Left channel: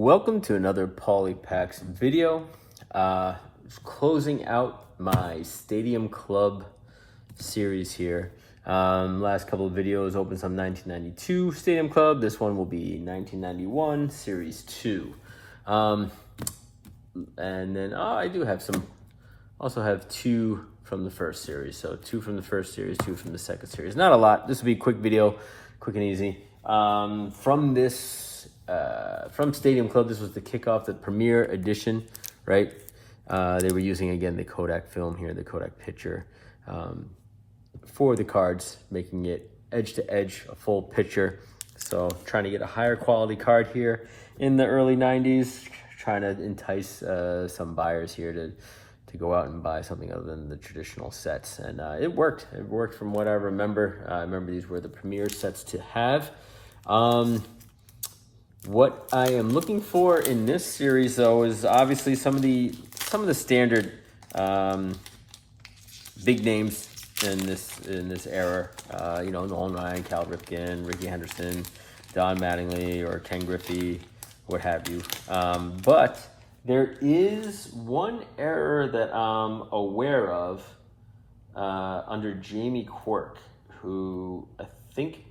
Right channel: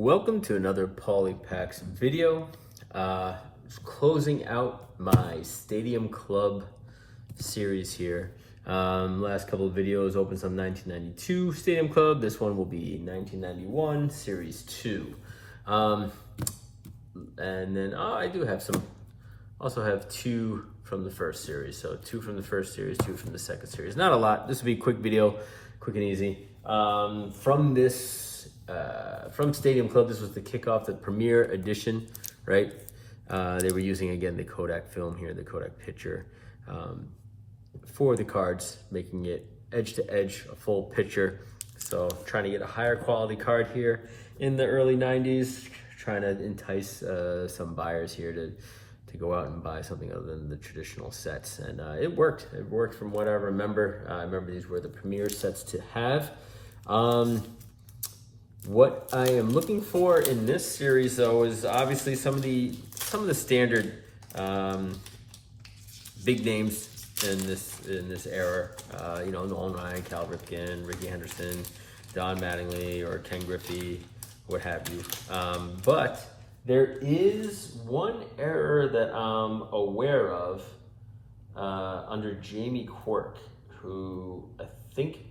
Welcome to another Polypacks video. Just closing out my Stadium Club series here. Last couple of videos opened some 1992 Stadium Club. This one will be 1991 Series 2. And then I do have some, also have two from the first series. So two from the first series, two from the second series. Not a lot. This will be a quick video, quick and easy. From Stadium Club, this was the kickoff, the premiere edition, right? They were using, again, the Kodak film here, the Kodak picture, for the cards, making it edge to edge, a full picture. So trying to get a higher quality card here in the early 90s, trying to entice some buyers here to go out and buy something other than the traditional sets. And it worked. It worked from what I remember. I remember these were the premier sets to have. What I am looking for in this series, though, is obviously some of the standard big names in this era. You know, Nolan Ryan, Cal Ripken, Ricky Henderson, Don Mattingly, or Ken Griffey, what have you. But there is one error that I'm aware of under Jamie Quirk, who I think.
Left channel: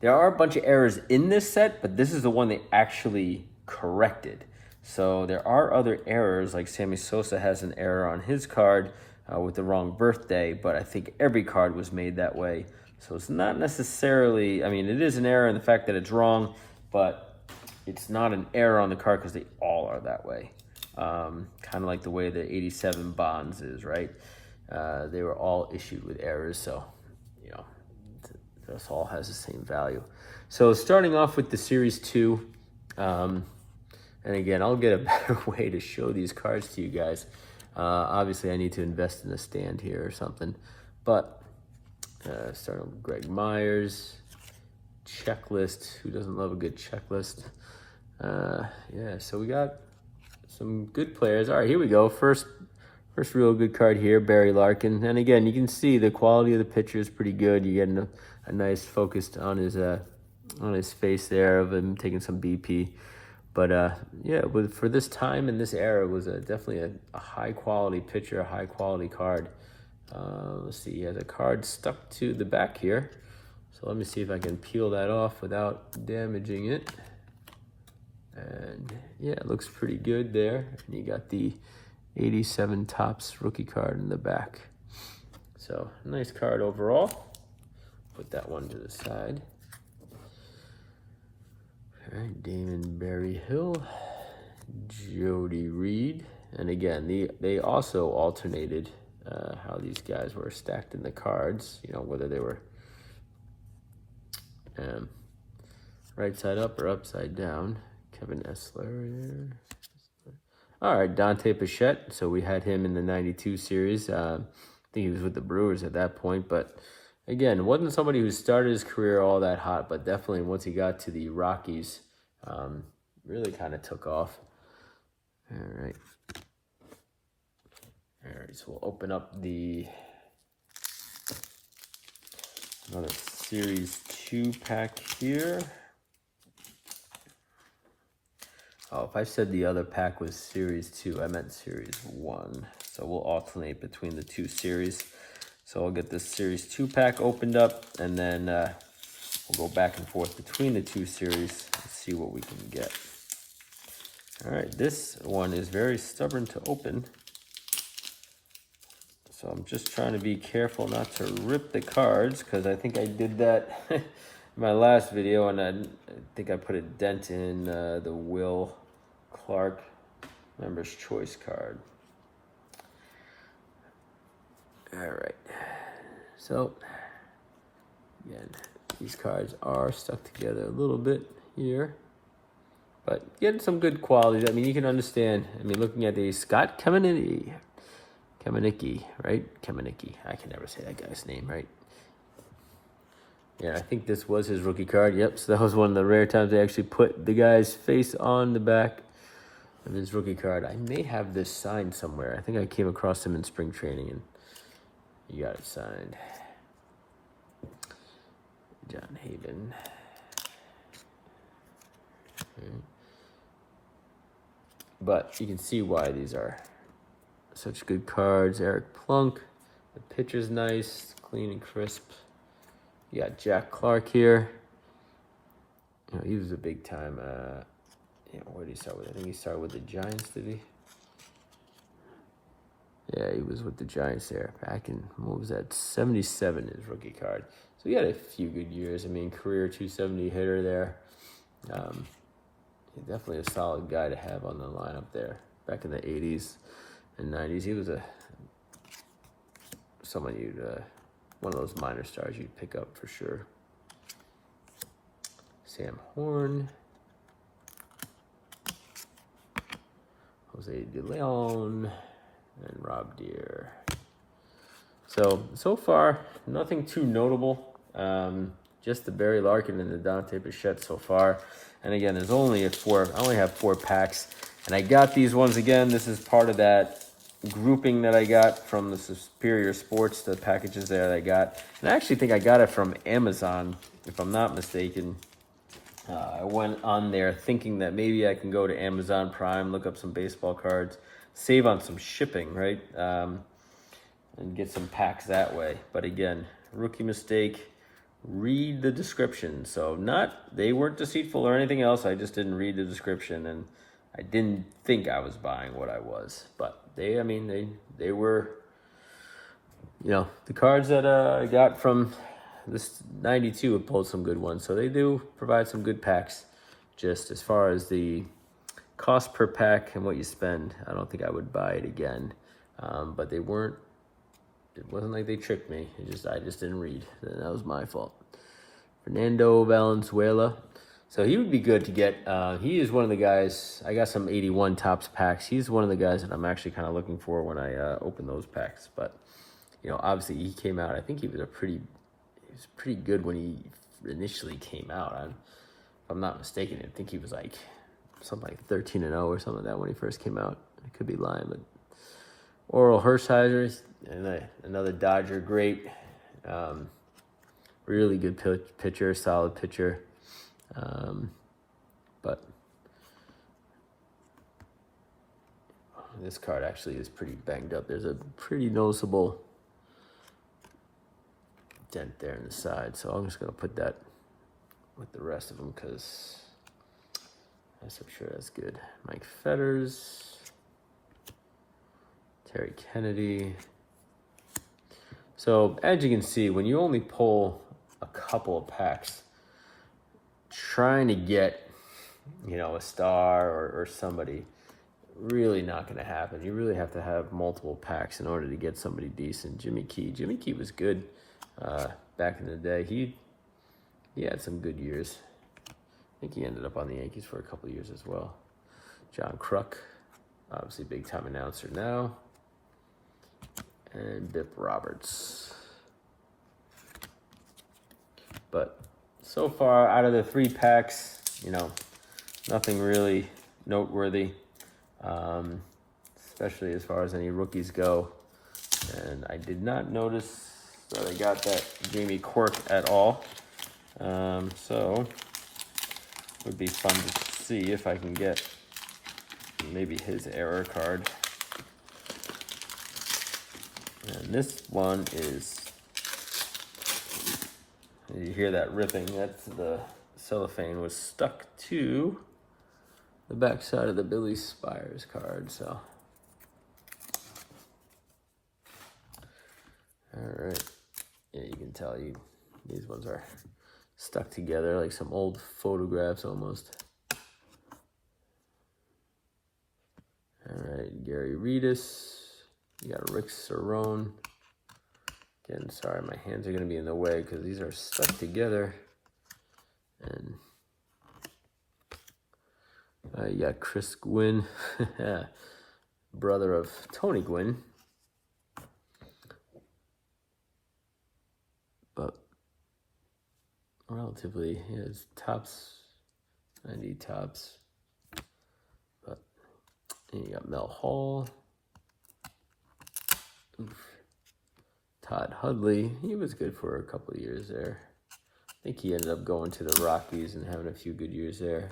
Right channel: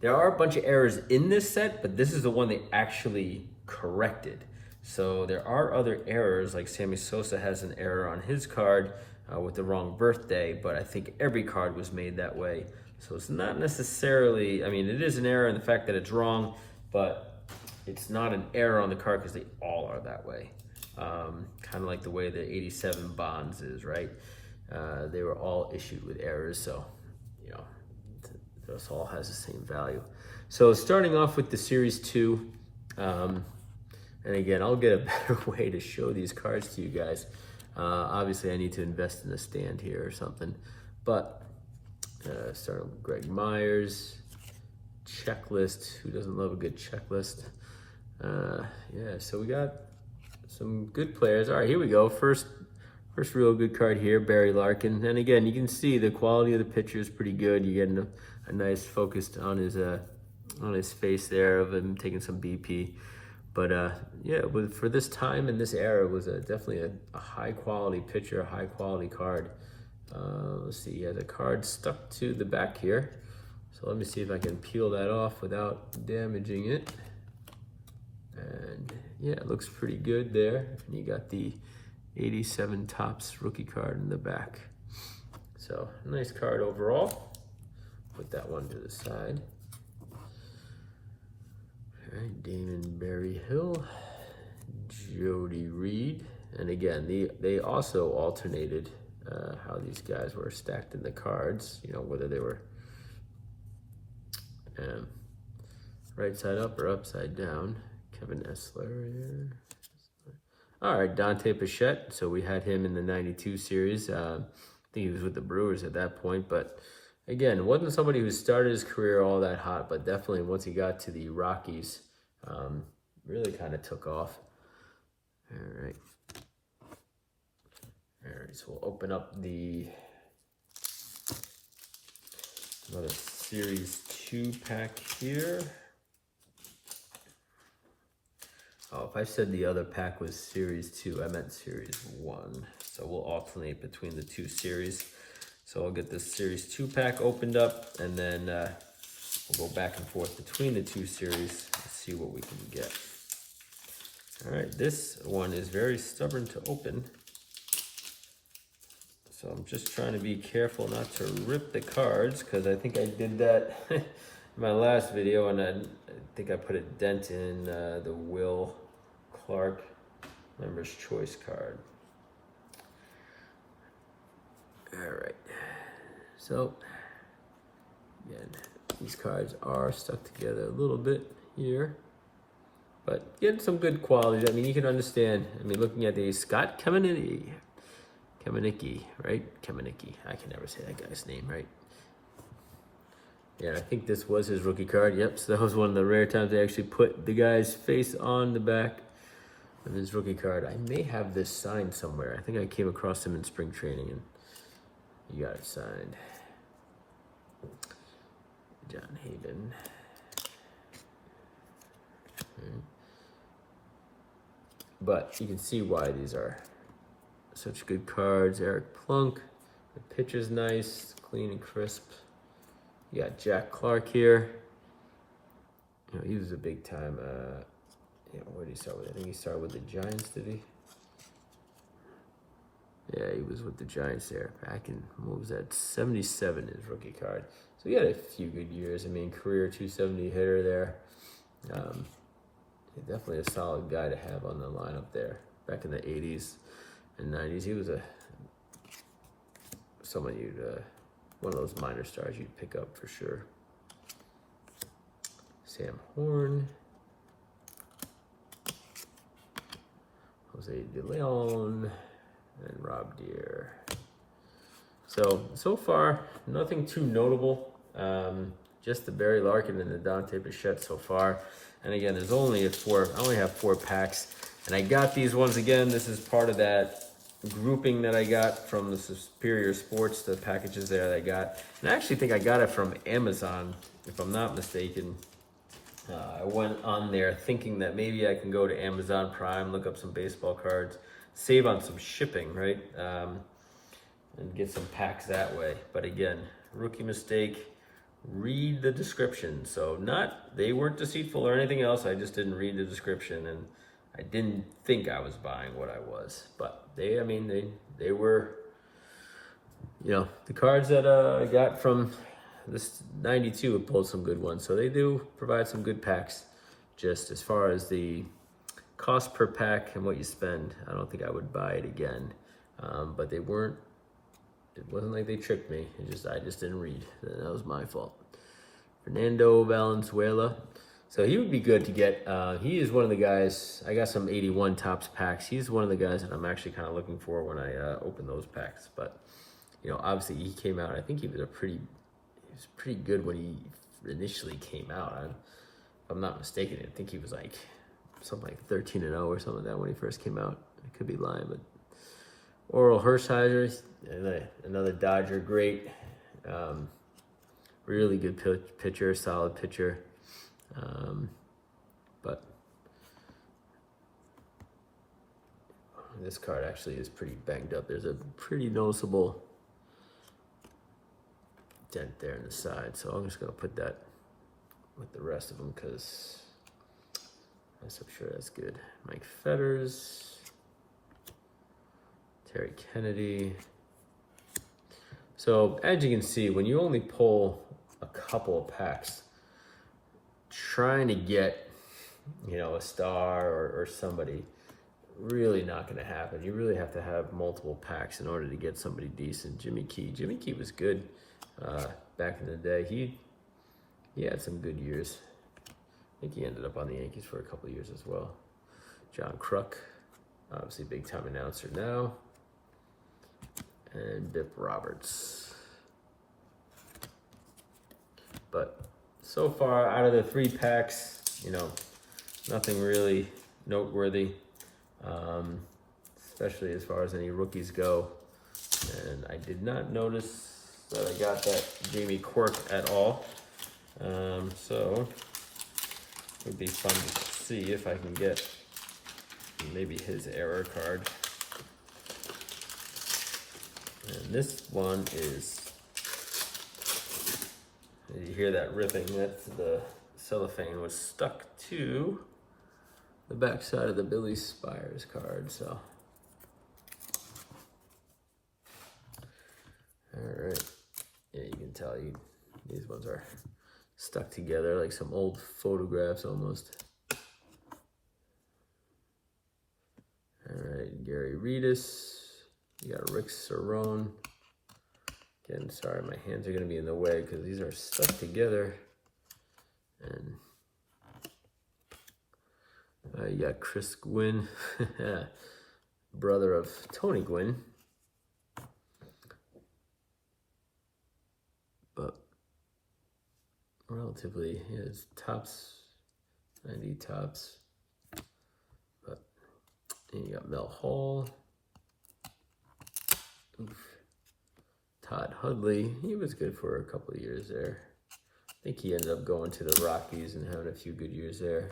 There are a bunch of errors in this set, but this is the one they actually corrected. So there are other errors, like Sammy Sosa has an error on his card with the wrong birthday, but I think every card was made that way. So it's not necessarily, I mean, it is an error in the fact that it's wrong, but it's not an error on the card because they all are that way. Kind of like the way the 87 Bonds is, right? They were all issued with errors, so, you know, this all has the same value. So starting off with the Series 2, and again, I'll get a better way to show these cards to you guys. Obviously, I need to invest in a stand here or something. But starting with Greg Myers, checklist. Who doesn't love a good checklist? Yeah, so we got some good players. All right, here we go. First real good card here, Barry Larkin. And again, you can see the quality of the picture is pretty good. You're getting a nice focus on his face there of him taking some BP. But yeah, for this time and this era, it was definitely a high quality picture, a high quality card. Let's see, he has a card stuck to the back here. So let me see if I can peel that off without damaging it. And yeah, it looks pretty good there. And you got the 87 Topps rookie card in the back. So nice card overall. Put that one to the side. All right, Damon Berry Hill, Jody Reed. And again, they also alternated how these guys were stacked in the cards, you know, whether they were right side up or upside down. Kevin Essler. All right, Dante Pichette. So we had him in the 92 series. I think he was with the Brewers at that point. But again, wasn't somebody who started his career all that hot, but definitely once he got to the Rockies, really kind of took off. All right. All right, so we'll open up another Series 2 pack here. Oh, if I said the other pack was Series 2, I meant Series 1. So we'll alternate between the two series. So I'll get this Series 2 pack opened up, and then we'll go back and forth between the two series and see what we can get. All right, this one is very stubborn to open. So I'm just trying to be careful not to rip the cards, because I think I did that in my last video, and I think I put a dent in the Will Clark Member's Choice card. All right, so again, these cards are stuck together a little bit here, but getting some good quality. I mean, you can understand. I mean, looking at the Scott Kamenicki, right? Kamenicki. I can never say that guy's name right. Yeah, I think this was his rookie card. Yep, so that was one of the rare times they actually put the guy's face on the back of his rookie card. I may have this signed somewhere. I think I came across him in spring training, and you got it signed. John Hayden. Okay. but you can see why these are such good cards. Eric Plunk, the pitcher's nice, clean and crisp. You got Jack Clark here. You know, he was a big time. Where did he start with? I think he started with the Giants, did he? Yeah, he was with the Giants there back in, what was that, 77, his rookie card. So he had a few good years. I mean, career 270 hitter there. Definitely a solid guy to have on the lineup there. Back in the 80s and 90s, he was someone one of those minor stars you'd pick up for sure. Sam Horn. Jose De Leon. And Rob Deere. So far, nothing too notable. Just the Barry Larkin and the Dante Bichette so far. And again, there's only I only have 4 packs. And I got these ones again. This is part of that grouping that I got from the Superior Sports, the packages there that I got. And I actually think I got it from Amazon, if I'm not mistaken. I went on there thinking that maybe I can go to Amazon Prime, look up some baseball cards, save on some shipping, right? And get some packs that way. But again, rookie mistake, read the description. So they weren't deceitful or anything else. I just didn't read the description, and I didn't think I was buying what I was. But they were, the cards that I got from this 92 have pulled some good ones. So they do provide some good packs. Just as far as the cost per pack and what you spend, I don't think I would buy it again. But it wasn't like they tricked me. I just didn't read. That was my fault. Fernando Valenzuela. So he would be good to get. He is one of the guys. I got some 81 Topps packs. He's one of the guys that I'm actually kind of looking for when I open those packs. But obviously he came out. I think he was pretty good when he initially came out. If I'm not mistaken, I think he was like something like 13-0 or something like that when he first came out. I could be lying, but Oral Hershiser, another Dodger, great, really good pitcher, solid pitcher. But this card actually is pretty banged up. There's a pretty noticeable dent there in the side, so I'm just gonna put that with the rest of them because I'm sure that's good. Mike Fetters, Terry Kennedy. So as you can see, when you only pull a couple of packs, trying to get, a star or somebody, really not going to happen. You really have to have multiple packs in order to get somebody decent. Jimmy Key was good back in the day. He had some good years. I think he ended up on the Yankees for a couple of years as well. John Kruk, obviously big time announcer now. And Bip Roberts. But so far, out of the 3 packs, nothing really noteworthy, especially as far as any rookies go. And I did not notice that I got that Jamie Quirk at all. So it would be fun to see if I can get maybe his error card. And this one is, you hear that ripping, that's the cellophane was stuck to the back side of the Billy Spires card, so. All right, yeah, you can tell these ones are stuck together like some old photographs almost. All right, Gary Redus. You got Rick Cerrone. Again, sorry, my hands are going to be in the way because these are stuck together. And you got Chris Gwynn, brother of Tony Gwynn. But relatively, it's Topps, 90 Topps. But then you got Mel Hall. Oof. Todd Hudley, he was good for a couple of years there. I think he ended up going to the Rockies and having a few good years there.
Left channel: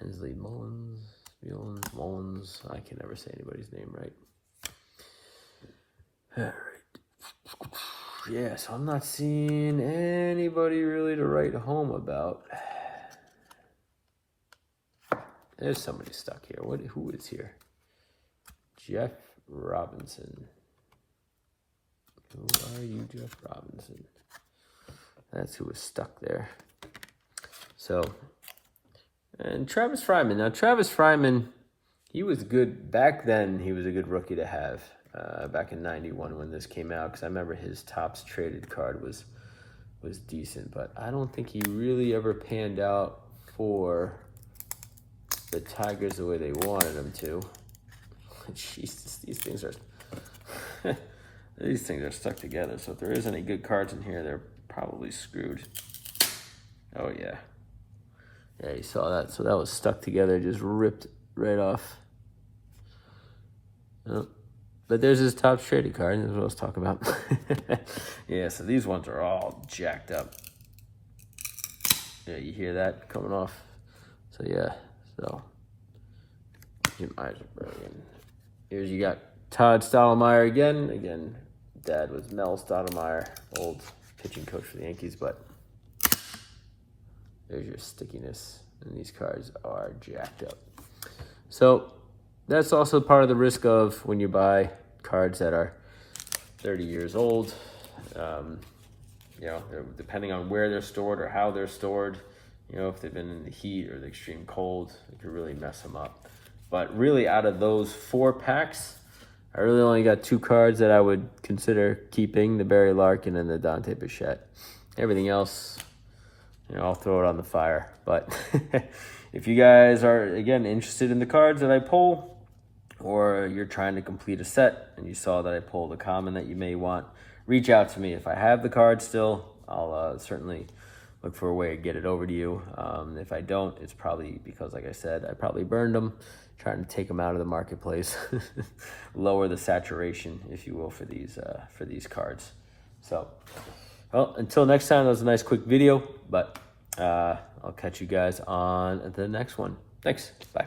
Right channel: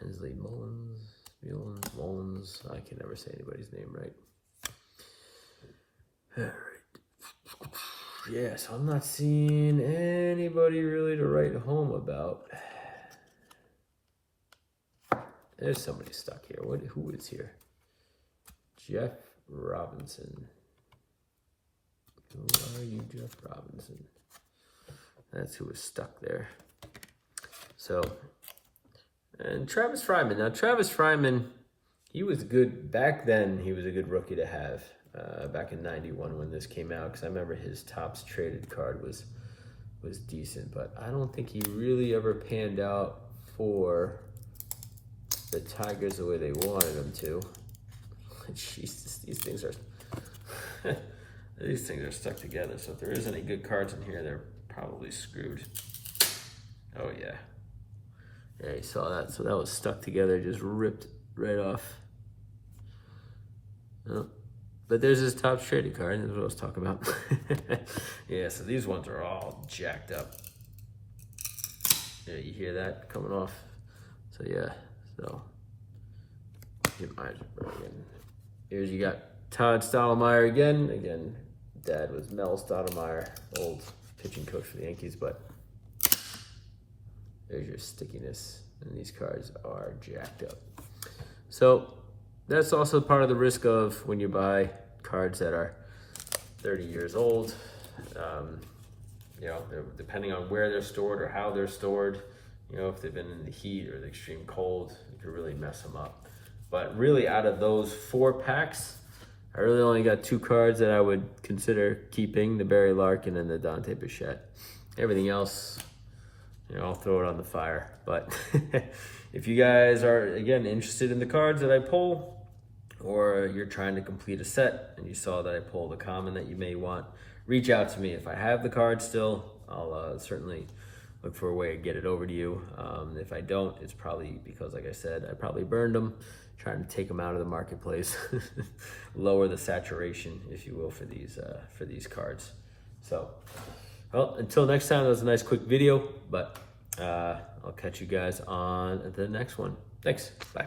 Hensley Mullins. Mullins. I can never say anybody's name right. All right. Yeah, so I'm not seeing anybody really to write home about. There's somebody stuck here. Who is here? Jeff Robinson. Who are you, Jeff Robinson? That's who was stuck there. So, and Travis Fryman. Now, Travis Fryman, he was good. Back then, he was a good rookie to have. Back in '91 when this came out, because I remember his Topps traded card was decent, but I don't think he really ever panned out for the Tigers the way they wanted him to. Jesus, these things are these things are stuck together. So if there isn't any good cards in here, they're probably screwed. Oh yeah, yeah, you saw that. So that was stuck together, just ripped right off. Oh. But there's his Topps traded card. That's what I was talking about. Yeah, so these ones are all jacked up. Yeah, you hear that coming off. So yeah, so here's you got Todd Stottlemyre again. Again, dad was Mel Stottlemyre, old pitching coach for the Yankees, but there's your stickiness. And these cards are jacked up. So that's also part of the risk of when you buy cards that are 30 years old. You know, depending on where they're stored or how they're stored, you know, if they've been in the heat or the extreme cold, it could really mess them up. But really, out of those 4 packs, I really only got 2 cards that I would consider keeping, the Barry Larkin and the Dante Bichette. Everything else, you know, I'll throw it on the fire. But if you guys are, again, interested in the cards that I pull, or you're trying to complete a set and you saw that I pulled a common that you may want, reach out to me. If I have the card still, I'll certainly look for a way to get it over to you. If I don't, it's probably because, like I said, I probably burned them, trying to take them out of the marketplace, lower the saturation, if you will, for these cards. So, well, until next time, that was a nice quick video, but I'll catch you guys on the next one. Thanks. Bye.